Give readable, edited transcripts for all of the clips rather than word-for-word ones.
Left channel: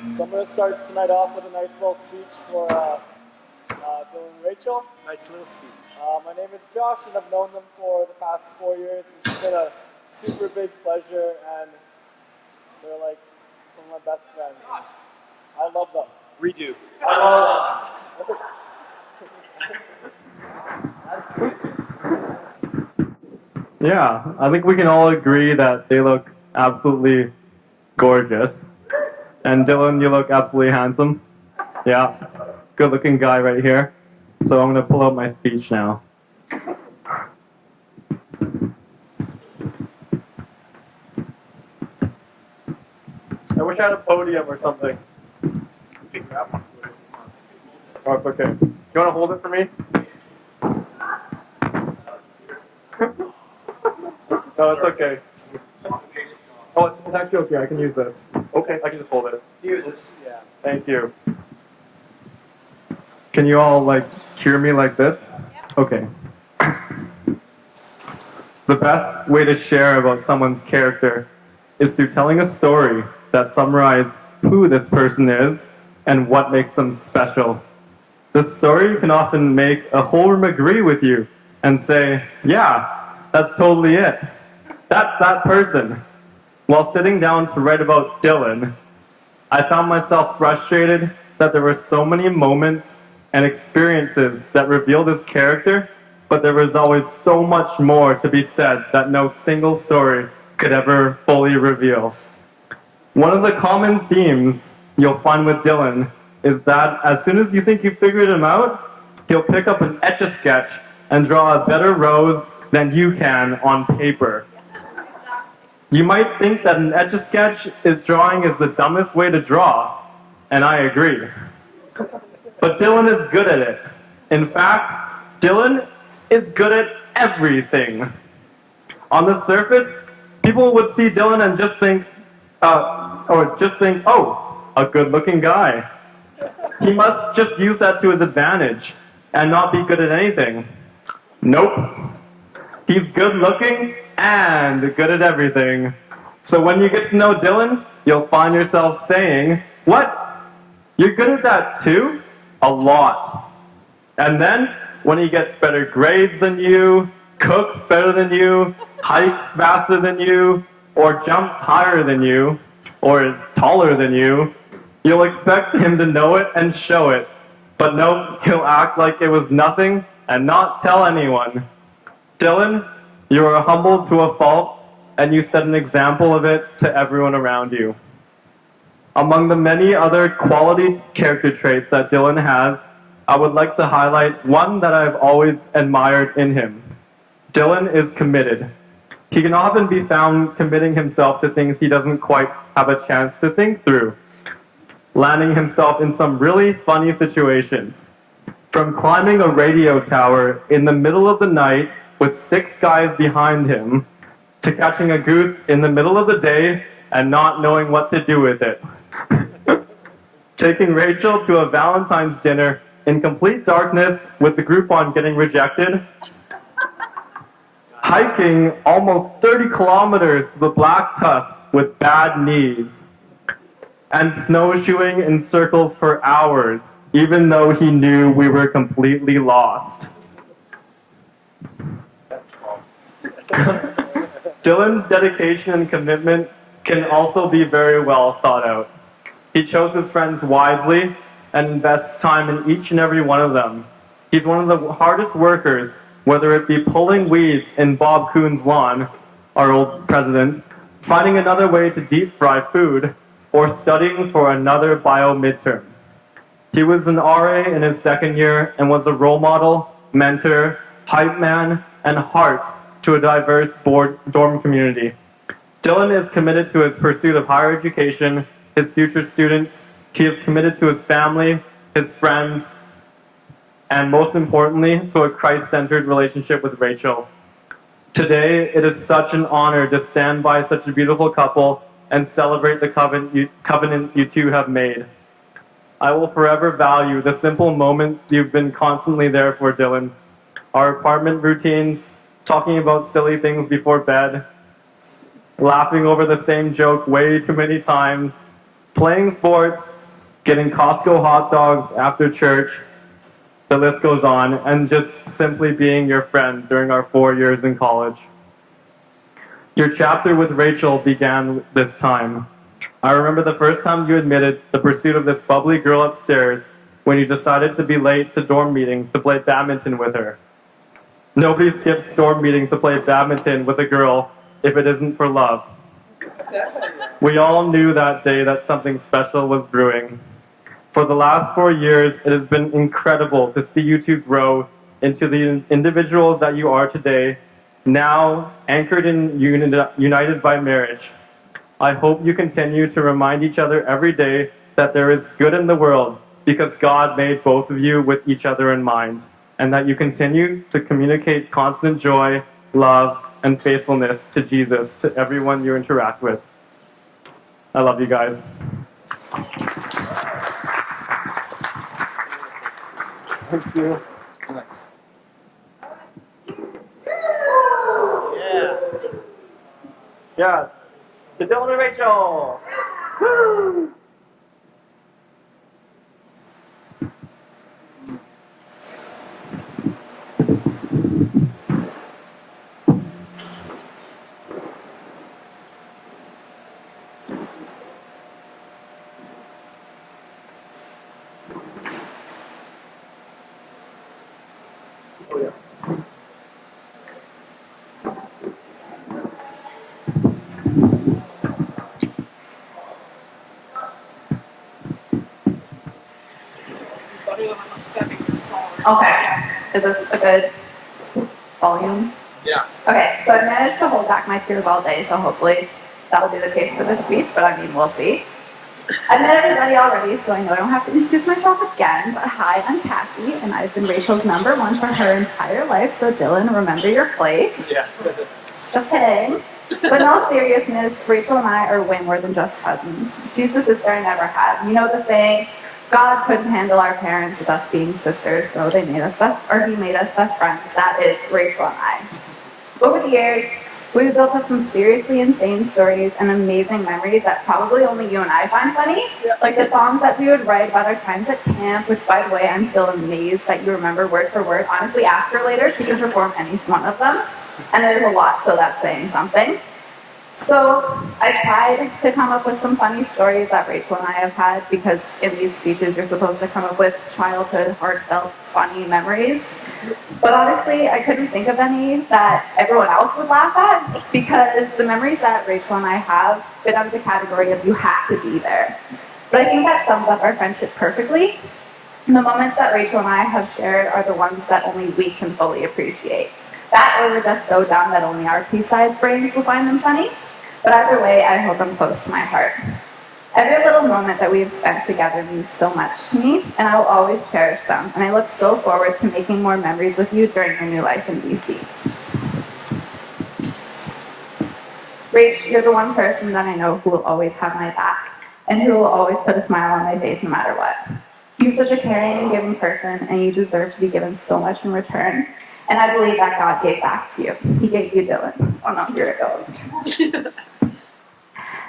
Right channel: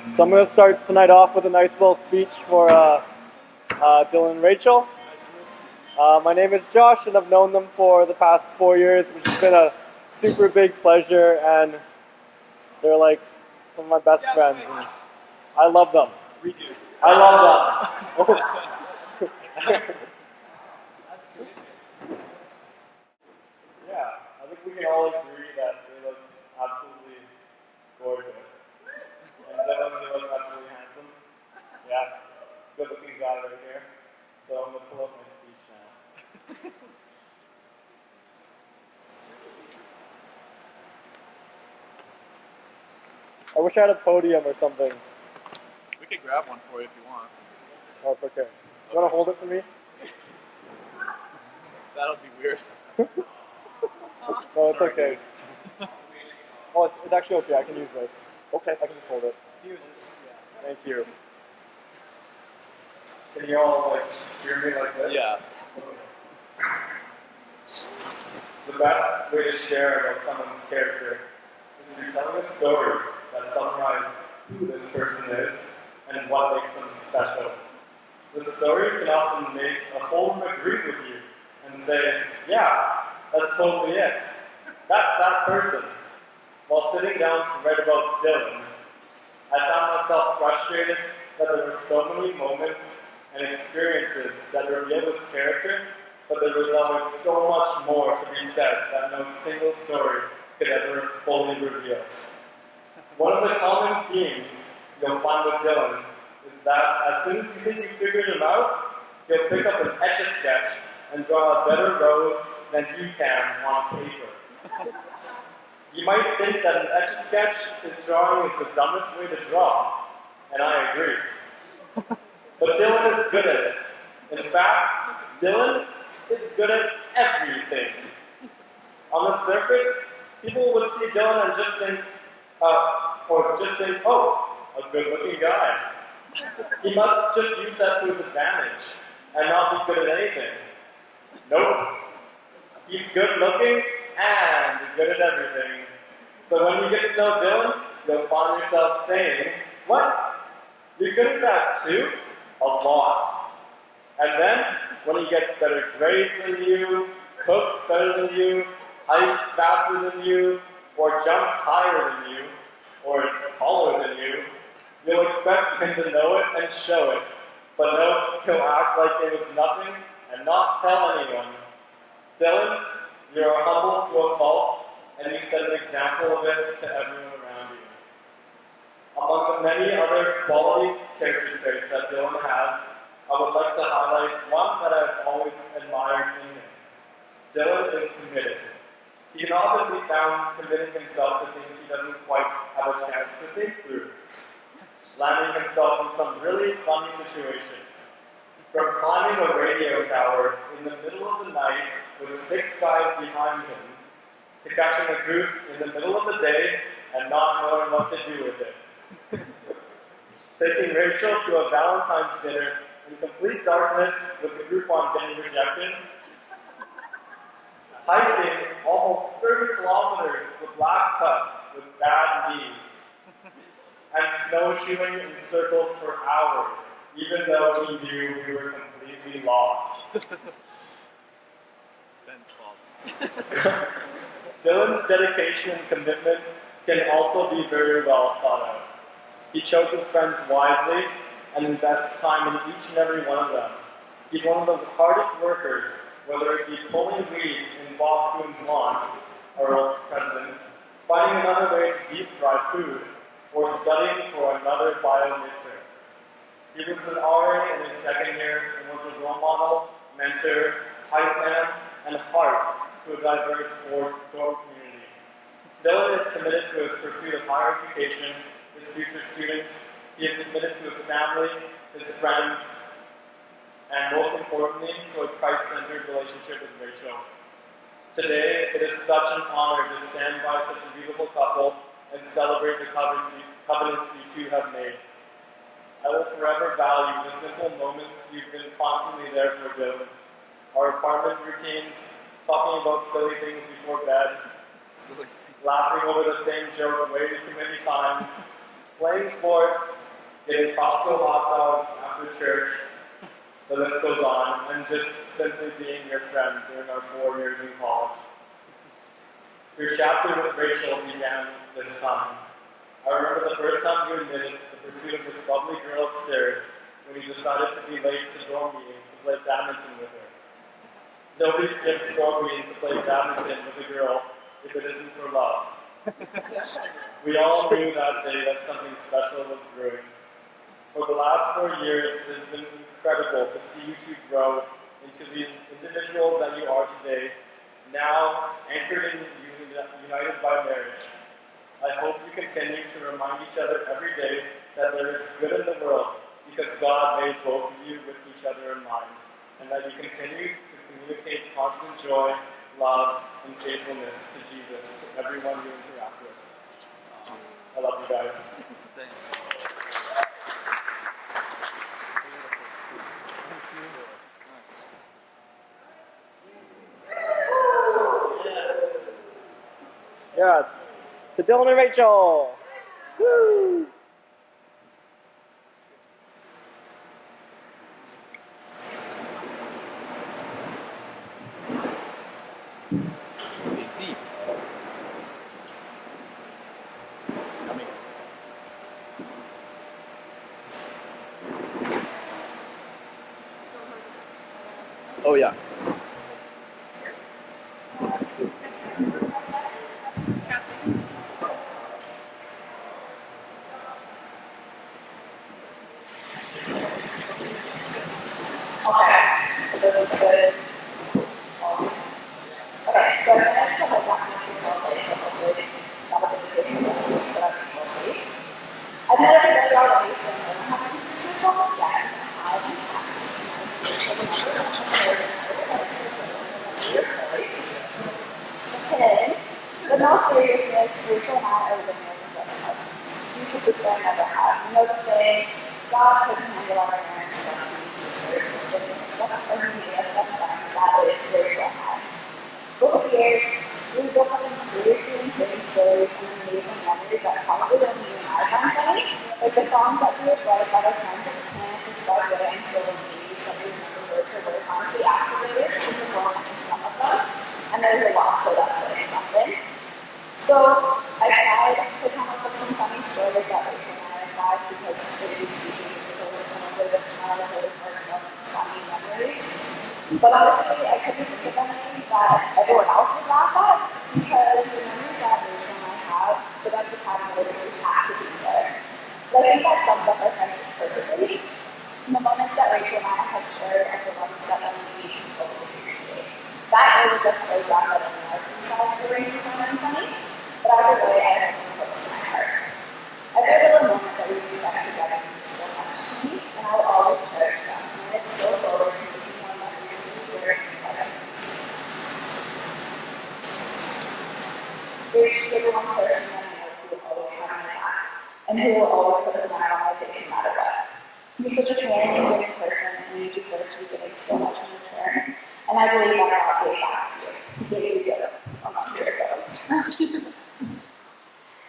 So I'm going to start tonight off with a nice little speech for Dylan and Rachel. Nice little speech. My name is Josh, and I've known them for the past 4 years, which has been a super big pleasure, and they're like some of my best friends, and I love them. Redo. I love them. Yeah, I think we can all agree that they look absolutely gorgeous. And Dylan, you look absolutely handsome. Yeah, good looking guy right here. So I'm going to pull out my speech now. I wish I had a podium or something. We can grab one for you if you want. Oh, it's okay. You want to hold it for me? That'll be weird. No, it's okay. Oh, it's actually okay. I can use this. Okay, I can just hold it. Use this. Yeah. Thank you. Can you all, like, cheer me like this? Yeah. Okay. The best way to share about someone's character is through telling a story that summarizes who this person is and what makes them special. The story can often make a whole room agree with you and say, yeah, that's totally it. That's that person. While sitting down to write about Dylan, I found myself frustrated that there were so many moments and experiences that revealed his character, but there was always so much more to be said that no single story could ever fully reveal. One of the common themes you'll find with Dylan is that as soon as you think you figured him out, he'll pick up an Etch-a-Sketch and draw a better rose than you can on paper. You might think that an Etch-a-Sketch drawing is the dumbest way to draw, and I agree. But Dylan is good at it. In fact, Dylan is good at everything. On the surface, people would see Dylan and just think, oh, a good-looking guy. He must just use that to his advantage and not be good at anything. Nope. He's good-looking and good at everything. So when you get to know Dylan, you'll find yourself saying, what? You're good at that too? A lot. And then, when he gets better grades than you, cooks better than you, hikes faster than you, or jumps higher than you, or is taller than you, you'll expect him to know it and show it. But no, he'll act like it was nothing and not tell anyone. Dylan, you are humble to a fault, and you set an example of it to everyone around you. Among the many other quality character traits that Dylan has, I would like to highlight one that I've always admired in him. Dylan is committed. He can often be found committing himself to things he doesn't quite have a chance to think through, landing himself in some really funny situations. From climbing a radio tower in the middle of the night with 6 guys behind him, to catching a goose in the middle of the day and not knowing what to do with it. Taking Rachel to a Valentine's dinner in complete darkness with the Groupon getting rejected. Hiking almost 30 kilometers to the Black Tusk with bad knees. And snowshoeing in circles for hours, even though he knew we were completely lost. That's all. Dylan's dedication and commitment can also be very well thought out. He chose his friends wisely and invests time in each and every one of them. He's one of the hardest workers, whether it be pulling weeds in Bob Coon's lawn, our old president, finding another way to deep fry food, or studying for another bio midterm. He was an RA in his second year and was a role model, mentor, hype man, and heart to a diverse dorm community. Dylan is committed to his pursuit of higher education, his future students. He is committed to his family, his friends, and most importantly, to a Christ-centered relationship with Rachel. Today, it is such an honor to stand by such a beautiful couple and celebrate the covenant you two have made. I will forever value the simple moments you've been constantly there for, Dylan. Our apartment routines, talking about silly things before bed, laughing over the same joke way too many times, playing sports, getting Costco hot dogs after church, the list goes on, and just simply being your friend during our 4 years in college. Your chapter with Rachel began this time. I remember the first time you admitted the pursuit of this bubbly girl upstairs when you decided to be late to dorm meeting to play badminton with her. Nobody skips dorm meeting to play badminton with a girl if it isn't for love. We all knew that day that something special was brewing. For the last 4 years, it has been incredible to see you two grow into the individuals that you are today, now anchored and united by marriage. I hope you continue to remind each other every day that there is good in the world because God made both of you with each other in mind, and that you continue to communicate constant joy, love, and faithfulness to Jesus to everyone you interact with. I love you guys. Thank you. Nice. Yeah. To Dylan and Rachel. Woo! Oh yeah. Okay, is this a good volume? Yeah. Okay, so I managed to hold back my tears all day, so hopefully that'll be the case for this speech, but I mean, we'll see. I've met everybody already, so I know I don't have to introduce myself again, but hi, I'm Cassie, and I've been Rachel's number one for her entire life, so Dylan, remember your place. Yeah. Just kidding. But in all seriousness, Rachel and I are way more than just cousins. She's the sister I never had. You know the saying, God couldn't handle our parents with us being sisters, so he made us best friends. That is Rachel and I. Over the years, we've built up some seriously insane stories and amazing memories that probably only you and I find funny. Like the songs that we would write about our friends at camp, which by the way, I'm still amazed that you remember word for word. Honestly, ask her later, she can perform any one of them. And there's a lot, so that's saying something. So I tried to come up with some funny stories that Rachel and I have had, because in these speeches you're supposed to come up with childhood, heartfelt, funny memories. But honestly, I couldn't think of any that everyone else would laugh at, because the memories that Rachel and I have fit under the category of you have to be there. But I think that sums up our friendship perfectly. And the moments that Rachel and I have shared are the ones that only we can fully appreciate. That or we're just so dumb that only our pea-sized brains will find them funny. But either way, I hold them close to my heart. Every little moment that we've spent together means so much to me, and I will always cherish them. And I look so forward to making more memories with you during your new life in BC. Rach, you're the one person that I know who will always have my back, and who will always put a smile on my face no matter what. You're such a caring and giving person, and you deserve to be given so much in return. And I believe that God gave back to you. He gave you Dylan. Oh no, here it goes.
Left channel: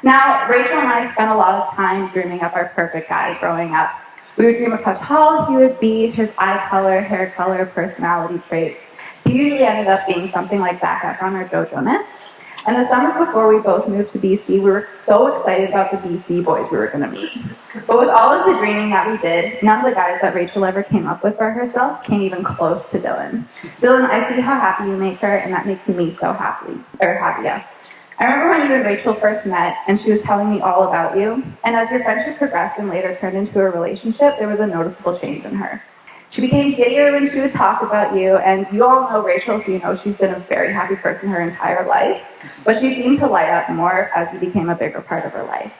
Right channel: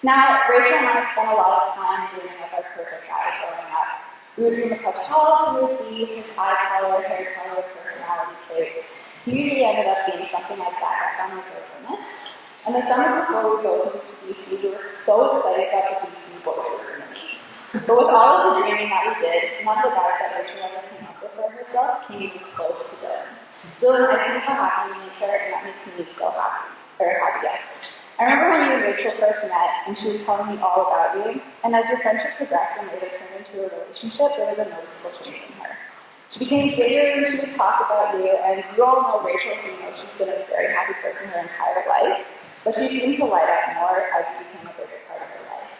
Now, Rachel and I spent a lot of time dreaming up our perfect guy growing up. We would dream of how tall he would be, his eye color, hair color, personality traits. He usually ended up being something like Zac Efron or Joe Jonas. And the summer before we both moved to BC, we were so excited about the BC boys we were going to meet. But with all of the dreaming that we did, none of the guys that Rachel ever came up with for herself came even close to Dylan. Dylan, I see how happy you make her, and that makes me so happy. Yeah. I remember when you and Rachel first met, and she was telling me all about you, and as your friendship progressed and later turned into a relationship, there was a noticeable change in her. She became giddier when she would talk about you, and you all know Rachel, so you know she's been a very happy person her entire life, but she seemed to light up more as you became a bigger part of her life.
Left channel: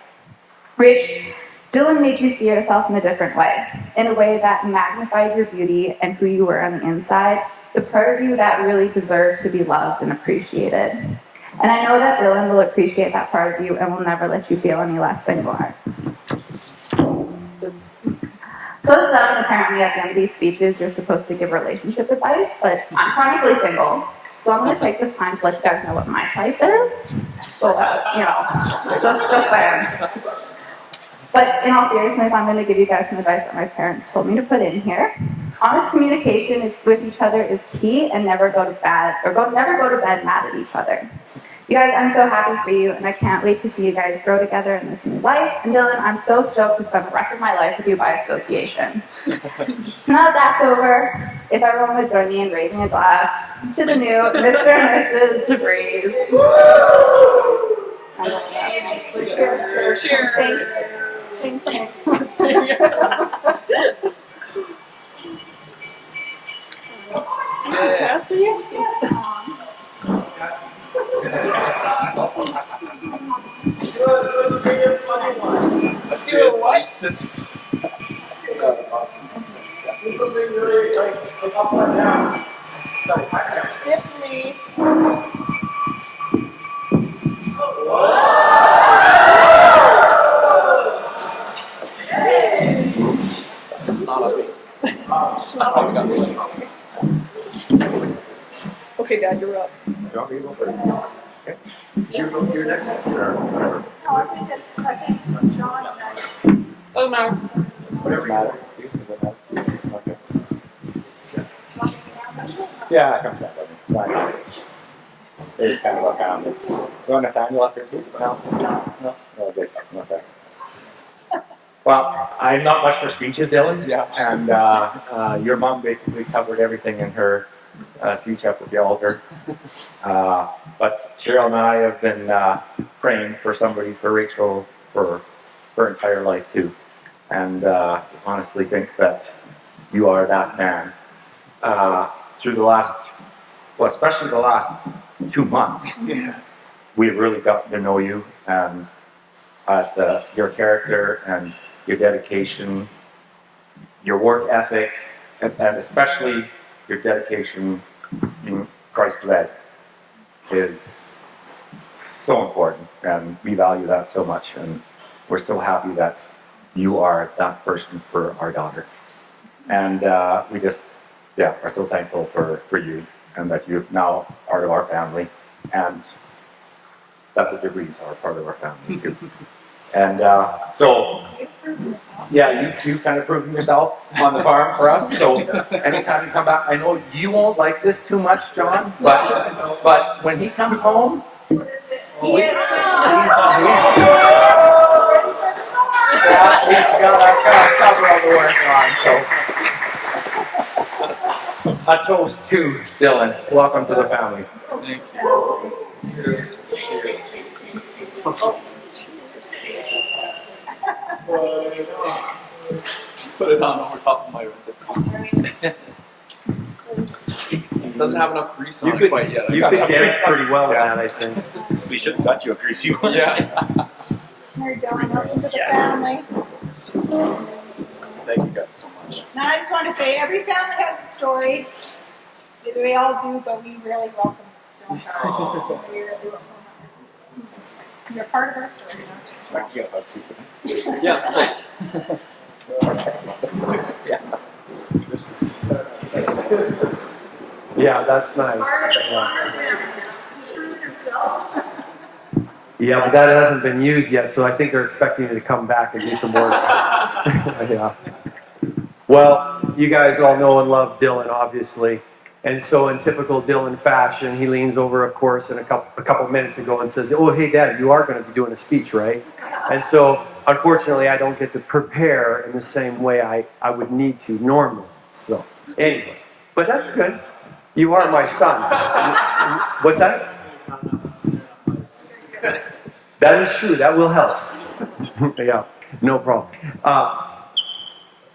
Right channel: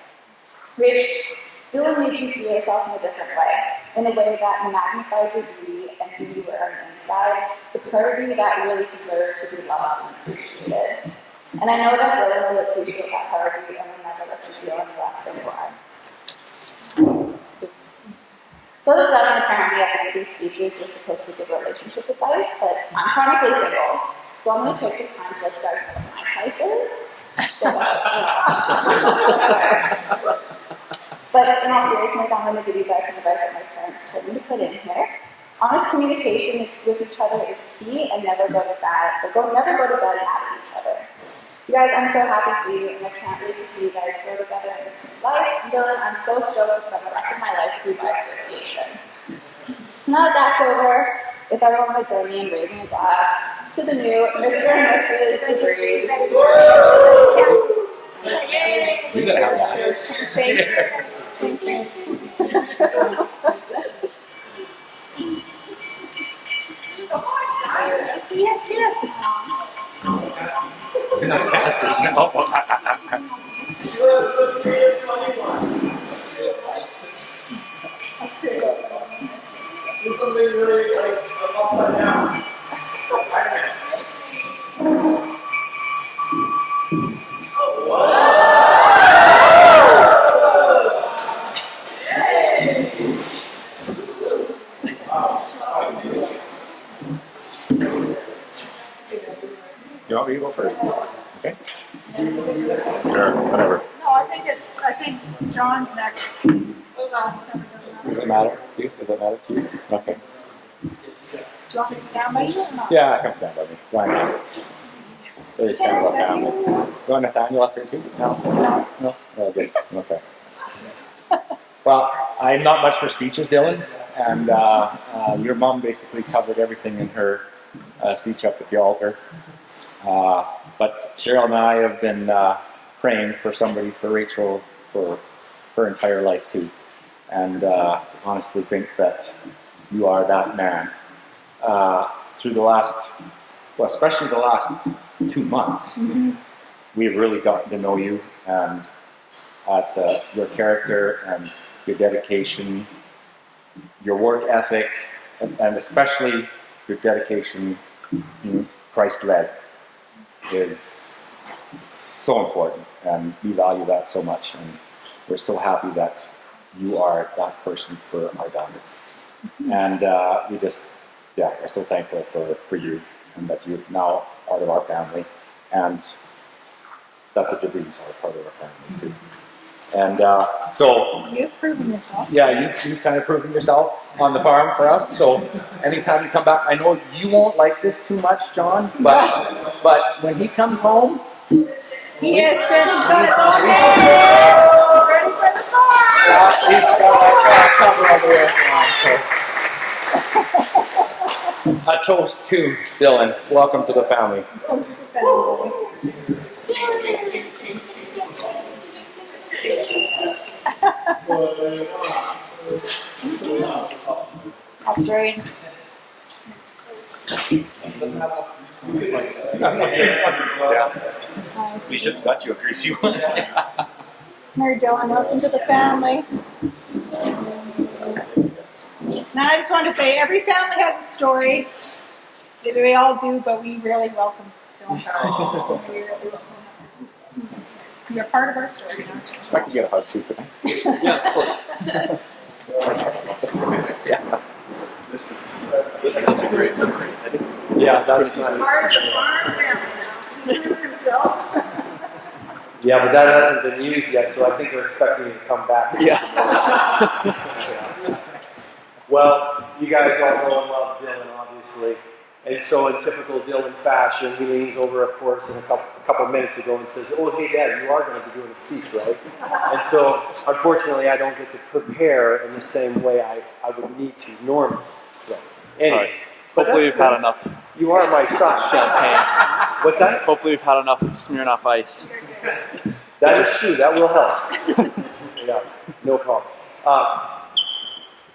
Rach, Dylan made you see yourself in a different way, in a way that magnified your beauty and who you were on the inside, the part of you that really deserved to be loved and appreciated. And I know that Dylan will appreciate that part of you and will never let you feel any less than you are. So as a gentleman, apparently at the end of these speeches, you're supposed to give relationship advice, but I'm chronically single, so I'm going to take this time to let you guys know what my type is. So, just there. But in all seriousness, I'm going to give you guys some advice that my parents told me to put in here. Honest communication with each other is key, and never go to bed mad at each other. You guys, I'm so happy for you, and I can't wait to see you guys grow together in this new life. And Dylan, I'm so stoked to spend the rest of my life with you by association. So now that that's over, if everyone would join me in raising a glass to the new Mr. and Mrs. DeVries. Okay, Dad, you're up. You want me to go first? Okay. You're next. Sure, whatever. No, I think John's next. Oh, no. Does it matter to you? Does it matter to you? Okay. Do you want me to stand by you or not? Yeah, come stand by me. Why not? It is kind of a family. You want Nathaniel up here too? No? No? Oh, good. Okay. Well, I'm not much for speeches, Dylan. Yeah. And your mom basically covered everything in her speech up at the altar. But Cheryl and I have been praying for somebody for Rachel for her entire life too. And honestly think that you are that man. Through the last, well, especially the last 2 months, we've really gotten to know you and your character and your dedication, your work ethic, and especially your dedication in Christ-led is so important, and we value that so much, and we're so happy that you are that person for our daughter. And we just, are so thankful for you, and that you're now part of our family, and that the DeVries are part of our family too. And so, You've proven yourself. yeah, you've kind of proven yourself on the farm for us. So anytime you come back, I know you won't like this too much, John, but when he comes home, He has been he's ready for the farm. he's got cover all the way around. So a toast to Dylan. Welcome to the family. Put it on over top of my. That's right. It doesn't have enough grease on You it quite yet. could get pretty well, I think. We should have got you a greasy one. Yeah. Mary Dylan, welcome to the family. Thank you guys so much. Now I just want to say every family has a story. We all do, but we really welcome Dylan. We really welcome him. You're part of our story now. I can get a hug too. Yeah, close. Yeah. This is such a great memory. Yeah, that's nice. Part of our family now. He proved himself. Yeah, but that hasn't been used yet, so I think they're expecting you to come back and get some more. Yeah. Well, you guys all know and love Dylan, obviously. And so in typical Dylan fashion, he leans over, of course, in a couple minutes ago and says, "Oh, hey, Dad, you are going to be doing a speech, right?" And so, unfortunately, I don't get to prepare in the same way I would need to normally. So, anyway. But that's Hopefully we've had good. enough. You are my son. What's that? Hopefully we've had enough Smirnoff Ice. That is true. That will help. Yeah, no problem.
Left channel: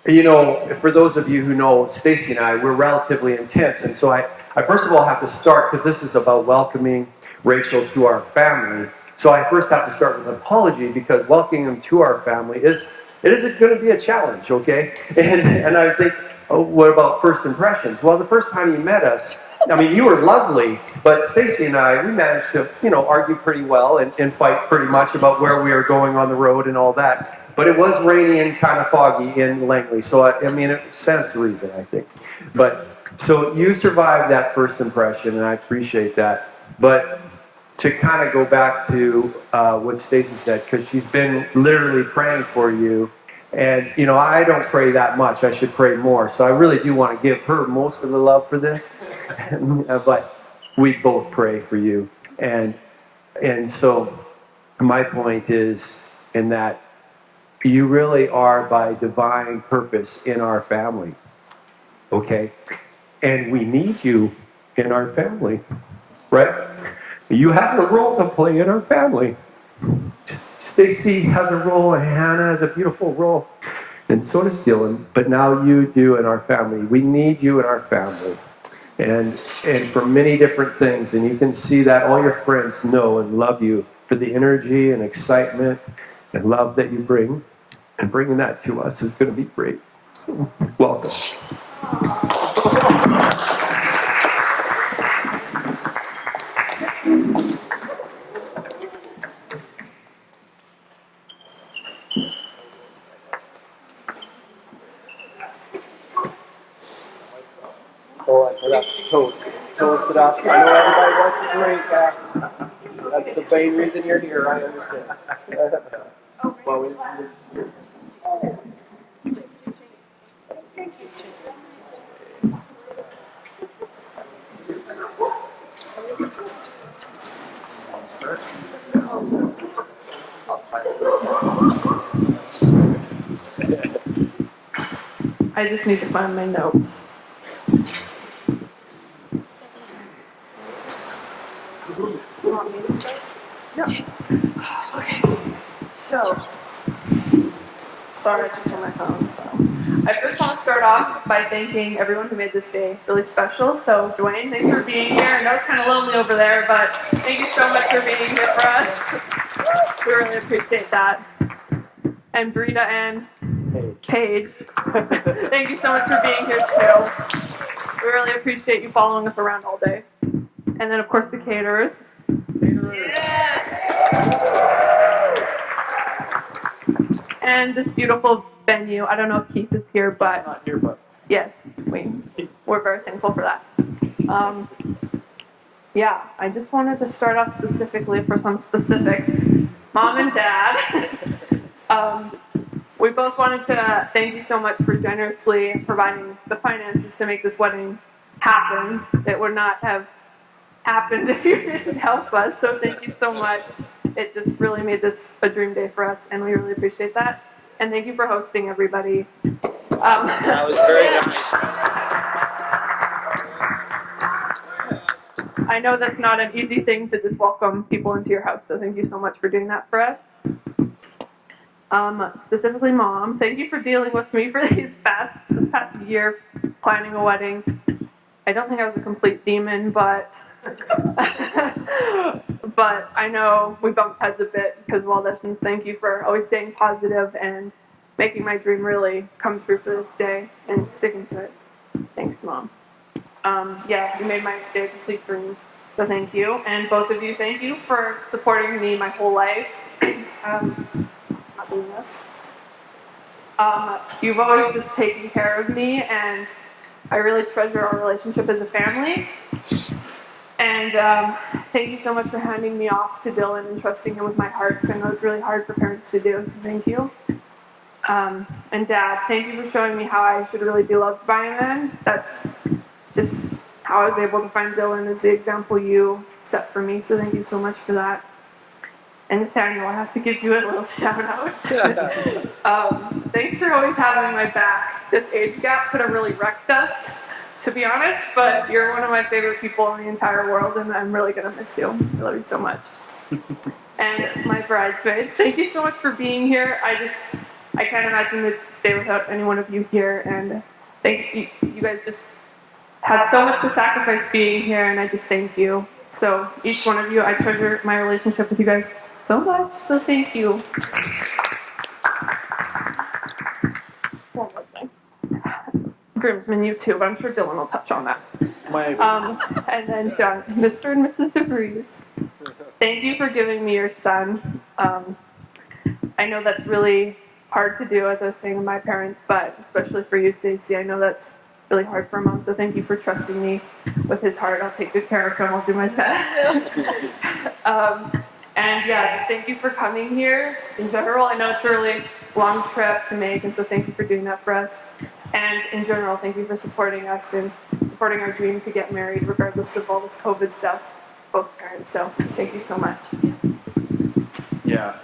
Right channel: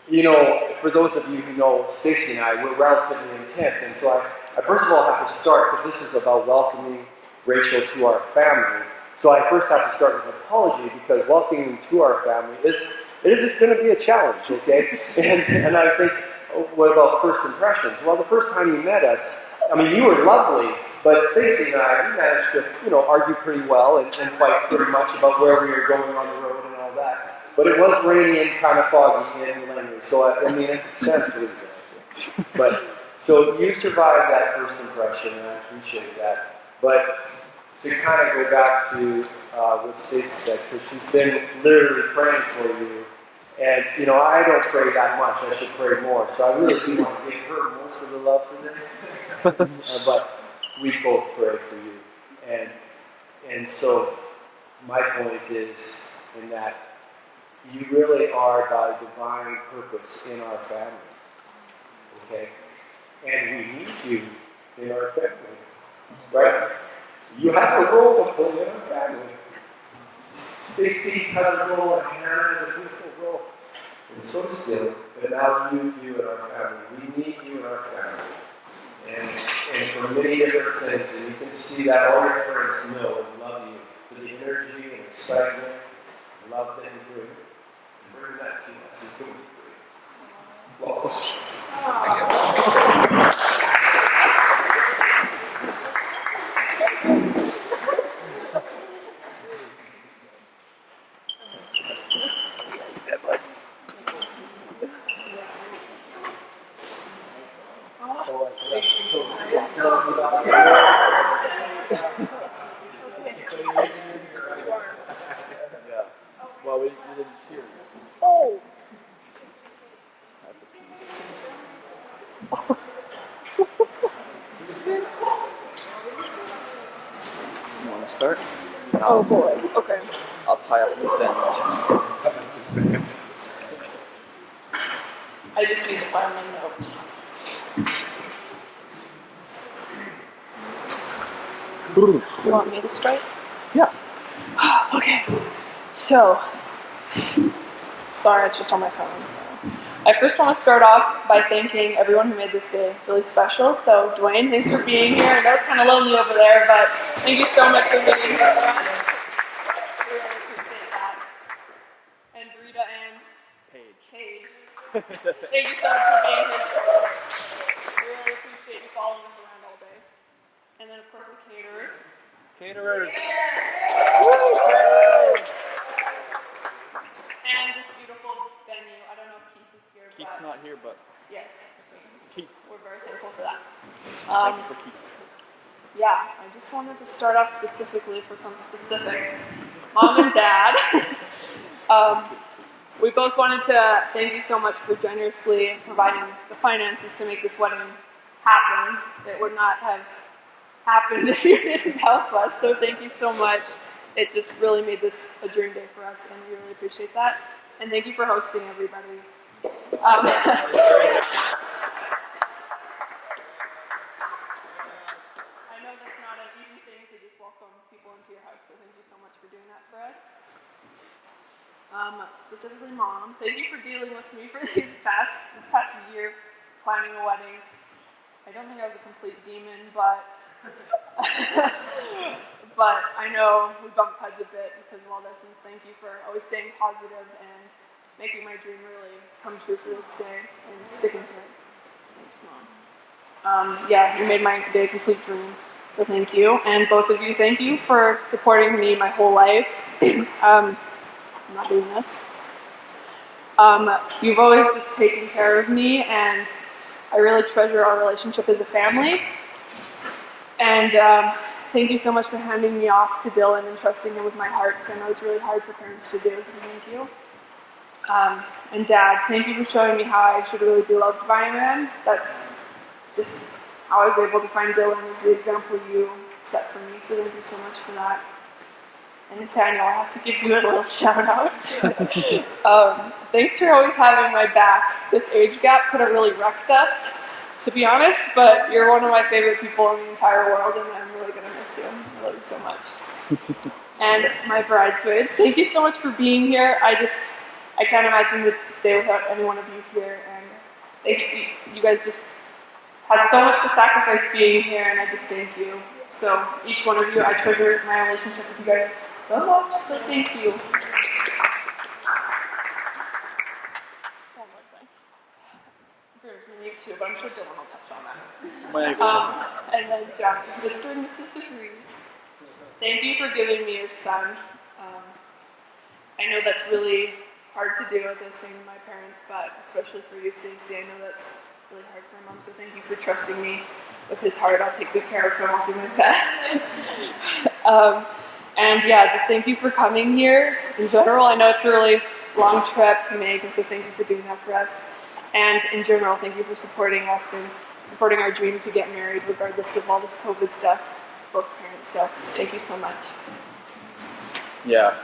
You know, for those of you who know Stacy and I, we're relatively intense. And so I first of all have to start, because this is about welcoming Rachel to our family. So I first have to start with an apology, because welcoming them to our family is going to be a challenge, okay? And I think, oh, what about first impressions? Well, the first time you met us, I mean, you were lovely, but Stacy and I, we managed to, argue pretty well and fight pretty much about where we were going on the road and all that. But it was rainy and kind of foggy in Langley, so I mean, it stands to reason, I think. But so you survived that first impression, and I appreciate that. But to kind of go back to what Stacy said, because she's been literally praying for you. And, you know, I don't pray that much. I should pray more. So I really do want to give her most of the love for this. But we both pray for you. And so my point is in that you really are by divine purpose in our family. Okay? And we need you in our family. Right? You have a role to play in our family. Stacy has a role, and Hannah has a beautiful role, and so does Dylan. But now you do in our family. We need you in our family, and for many different things. And you can see that all your friends know and love you for the energy and excitement and love that you bring. And bringing that to us is going to be great. So, welcome. Oh, I forgot the toast. Toast it up. I know everybody wants to drink that. That's the main reason you're here. I understand. You want to start? Oh boy. Okay. I'll tie up the sentence. I just need to find my notes. You want me to start? Yeah. Okay. So, sorry, it's just on my phone. So. I first want to start off by thanking everyone who made this day really special. So, Dwayne, thanks for being here. I know it's kind of lonely over there, but thank you so much for being here for us. We really appreciate that. And Brita and Paige, thank you so much for being here too. We really appreciate you following us around all day. And then, of course, the caterers. And this beautiful venue. I don't know if Keith is here, but Not here, but yes, we're very thankful for that. Yeah, I just wanted to start off specifically for some specifics. Mom and Dad, we both wanted to thank you so much for generously providing the finances to make this wedding happen. It would not have happened if you didn't help us, so thank you so much. It just really made this a dream day for us, and we really appreciate that. And thank you for hosting everybody. That was very nice. I know that's not an easy thing to just welcome people into your house, so thank you so much for doing that for us. Specifically, Mom, thank you for dealing with me for this past year planning a wedding. I don't think I was a complete demon, but I know we bumped heads a bit because of all this, and thank you for always staying positive and making my dream really come true for this day and sticking to it. Thanks, Mom. Yeah, you made my day a complete dream, so thank you. And both of you, thank you for supporting me my whole life. I'm not doing this. You've always just taken care of me, and I really treasure our relationship as a family. And thank you so much for handing me off to Dylan and trusting him with my heart, because I know it's really hard for parents to do, so thank you. And Dad, thank you for showing me how I should really be loved by a man. That's just how I was able to find Dylan as the example you set for me, so thank you so much for that. And Nathaniel, I have to give you a little shout out. Thanks for always having my back. This age gap could have really wrecked us, to be honest, but you're one of my favorite people in the entire world, and I'm really going to miss you. I love you so much. And my bridesmaids, thank you so much for being here. I can't imagine this day without any one of you here, and thank you. You guys just had so much to sacrifice being here, and I just thank you. So each one of you, I treasure my relationship with you guys so much, so thank you. One more thing. Groomsmen, you too, but I'm sure Dylan will touch on that. And then John, Mr. and Mrs. DeVries, thank you for giving me your son. I know that's really hard to do, as I was saying to my parents, but especially for you, Stacey, I know that's really hard for a mom, so thank you for trusting me with his heart. I'll take good care of him. I'll do my best. And yeah, just thank you for coming here in general. I know it's a really long trip to make, and so thank you for doing that for us. And in general, thank you for supporting us and supporting our dream to get married, regardless of all this COVID stuff, both parents. So thank you so much. Yeah.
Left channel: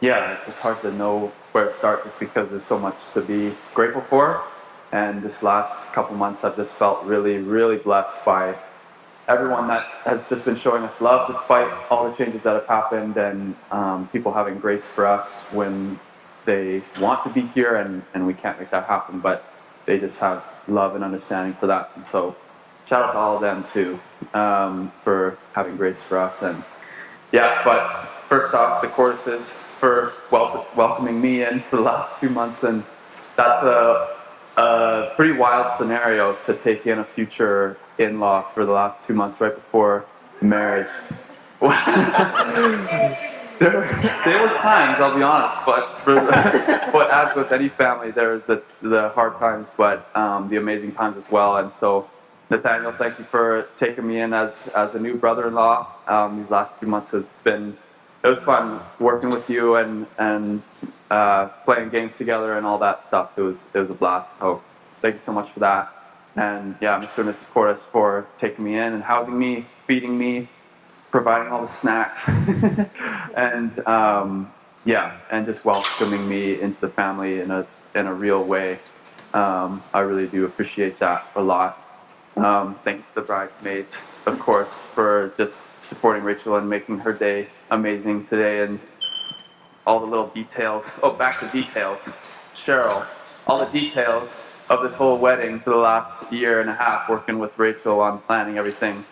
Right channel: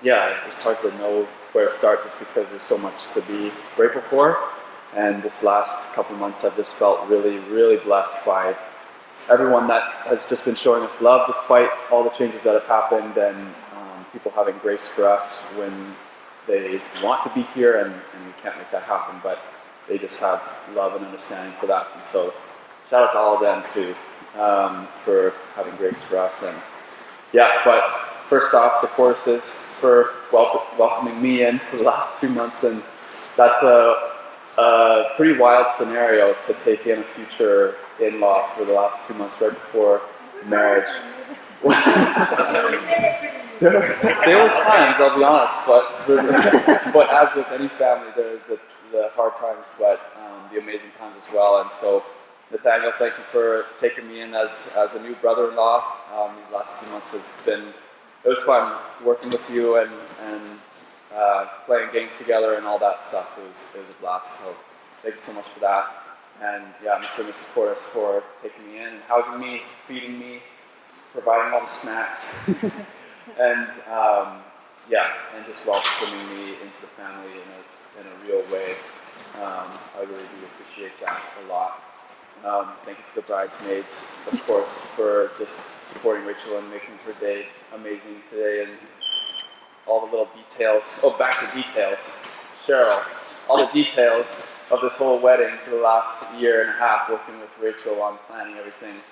Yeah, it's hard to know where to start just because there's so much to be grateful for. And this last couple months, I've just felt really, really blessed by everyone that has just been showing us love despite all the changes that have happened, and people having grace for us when they want to be here and we can't make that happen, but they just have love and understanding for that. And so shout out to all of them too, for having grace for us. And yeah, but first off, the choruses for welcoming me in for the last 2 months, and that's a pretty wild scenario to take in a future in-law for the last 2 months right before marriage. There were times, I'll be honest, but as with any family, there are the hard times, but the amazing times as well. And so, Nathaniel, thank you for taking me in as a new brother-in-law. These last 2 months it was fun working with you and playing games together and all that stuff. It was a blast. So thank you so much for that. And yeah, Mr. and Mrs. Portis for taking me in and housing me, feeding me, providing all the snacks, and yeah, and just welcoming me into the family in a real way. I really do appreciate that a lot. Thank you to the bridesmaids, of course, for just supporting Rachel and making her day amazing today, and all the little details. Oh, back to details. Cheryl, all the details of this whole wedding for the last year and a half, working with Rachel on planning everything.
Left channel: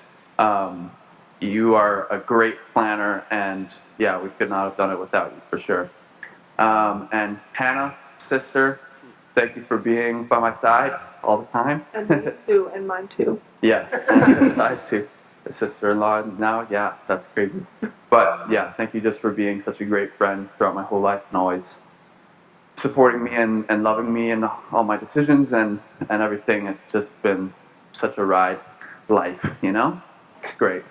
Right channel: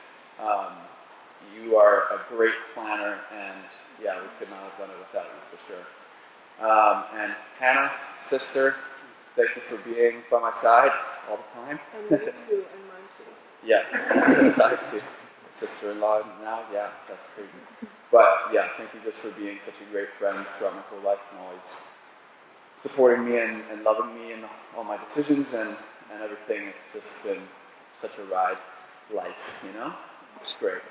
You are a great planner, and yeah, we could not have done it without you, for sure. And Hannah, sister, thank you for being by my side all the time. And me too, and mine too. Yeah, and my side too. The sister-in-law now, yeah, that's crazy. But yeah, thank you just for being such a great friend throughout my whole life and always supporting me and loving me in all my decisions and everything. It's just been such a ride life, you know? It's great.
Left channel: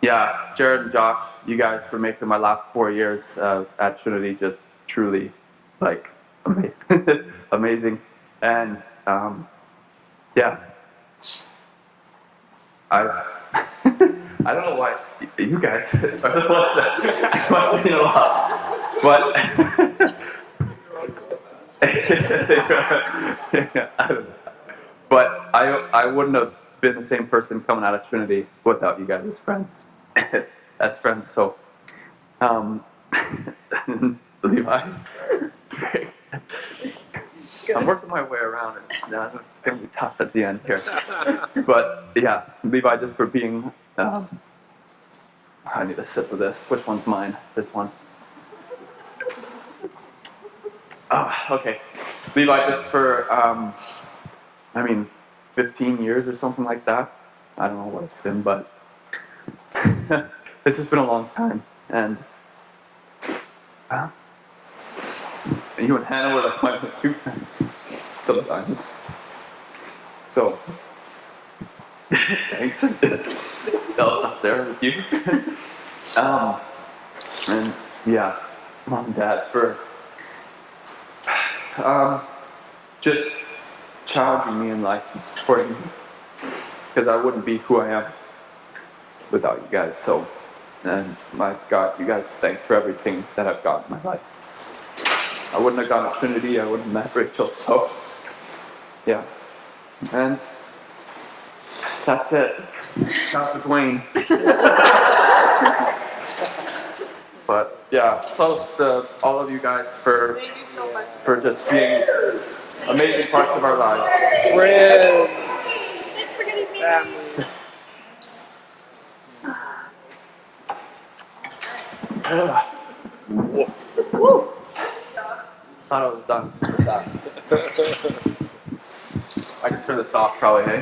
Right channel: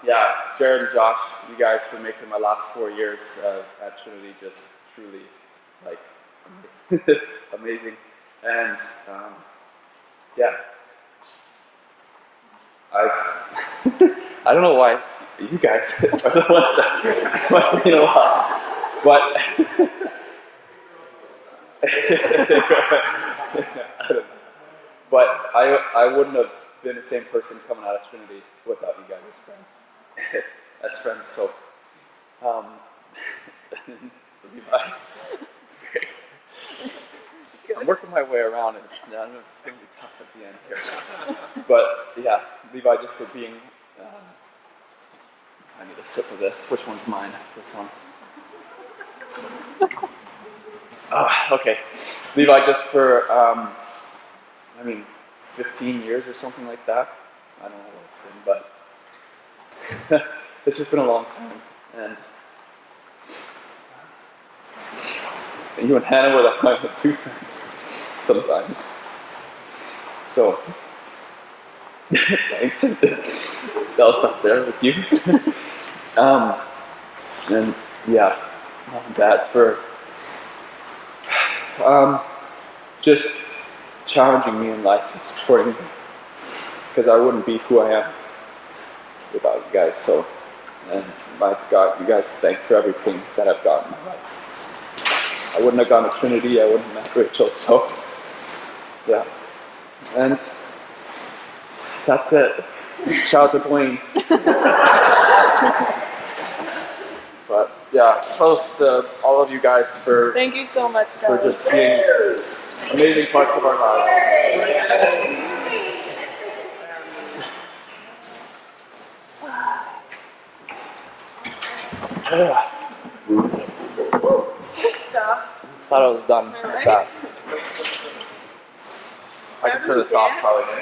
Yeah, Jared and Josh, you guys for making my last 4 years at Trinity just truly, like, amazing. And yeah, I don't know why you guys are the ones that must mean a lot, but I wouldn't have been the same person coming out of Trinity without you guys as friends. As friends, so Levi. I'm working my way around it. No, it's going to be tough at the end here. But yeah, Levi, just for being. I need a sip of this. Which one's mine? This one. Okay. Levi, just for, 15 years or something like that. I don't know what it's been, but it's just been a long time. And you and Hannah were like my two friends sometimes. So, thanks. I'll stop there with you. And yeah, Mom and Dad for just challenging me in life and supporting me, because I wouldn't be who I am without you guys. So, and I've got you guys to thank for everything that I've got in my life. I wouldn't have gone to Trinity, I wouldn't have met Rachel, so yeah. And that's it. Shout out to Dwayne. But yeah, toast to all of you guys for Thank you so much, guys. for just being amazing parts of our lives. Friends. Thought I was done fast. I can turn this off probably.